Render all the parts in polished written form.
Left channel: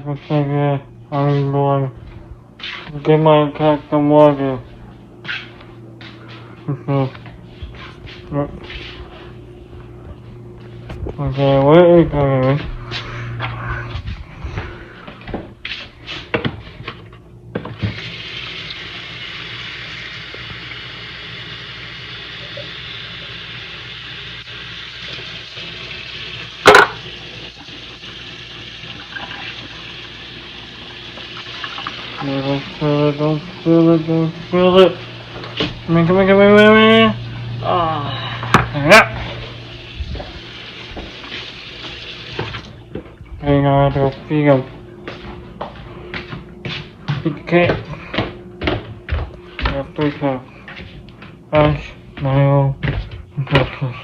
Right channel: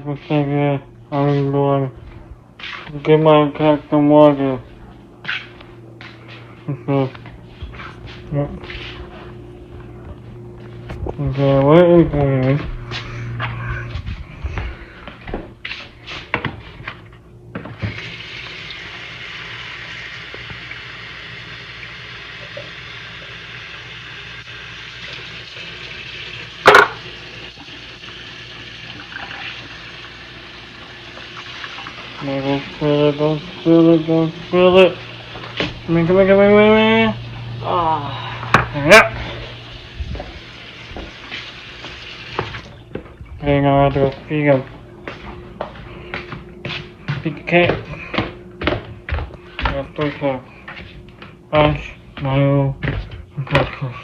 can take it. I'm going to get my cat some water. Okay, where is it? Don't spill it, don't spill it, don't spill it. Come on, come on, come on, come on. Yeah. Okay, now I have to go feed him. Feed the cat. I got 3 cats. Ash, Milo, and Precious.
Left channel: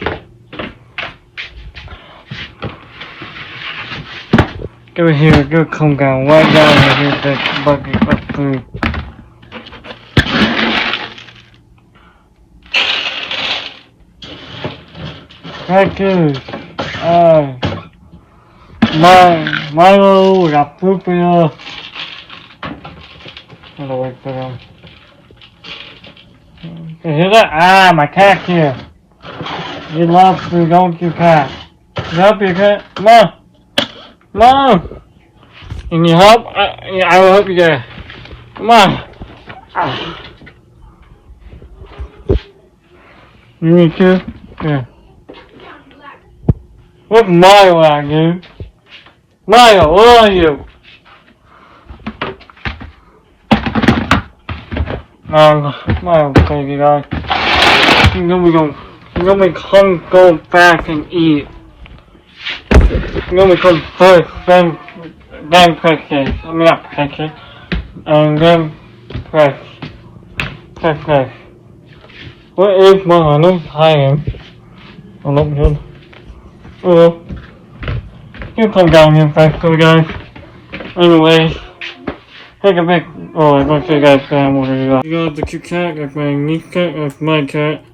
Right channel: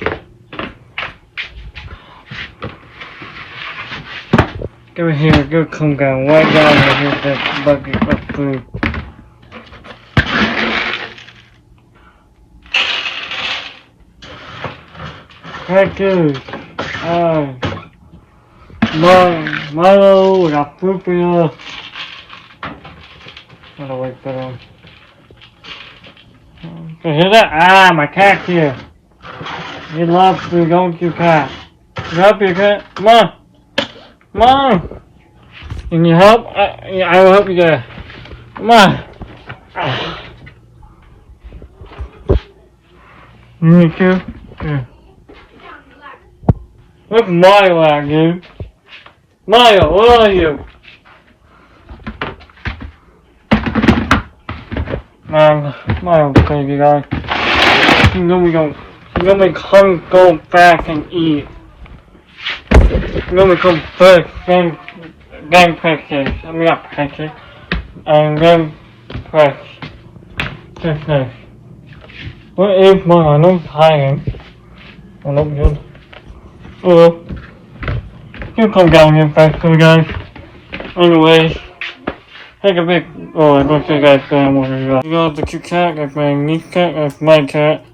Go here, go come down, right down here, here's that bucket of food. Precious, Milo, I got food for you. Gotta wait for them. You hear that? My cat here. He loves food, don't you, cat? You help your cat? Come on. Come on. Can you help? I will help you guys. Come on. You need to? Yeah. What's Milo at, dude? Milo, where are you? Milo, crazy guy. He's gonna come go back and eat. He's gonna come first, then Precious. I mean, not Precious. And then Precious. Where is Milo? I know he's hiding. Oh, not good. Well, you come down here fast, guys. Anyways, take a big. Oh, I'm going to show you guys what it is. You got the cute cat, that's my niece cat, that's my cat.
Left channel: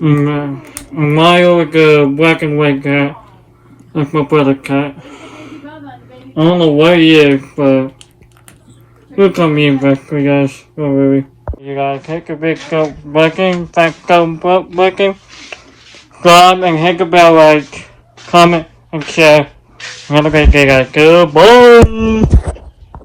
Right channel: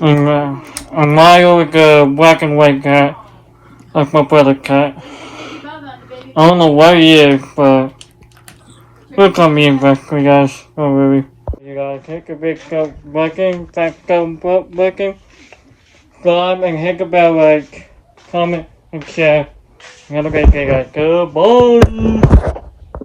And Milo is the black and white cat. That's my brother's cat. I don't know where he is, but he'll come in fast, guys. Don't worry. You guys take a big go working, thanks for working. Subscribe and hit the bell like, comment, and share. Have a great day, guys. Goodbye.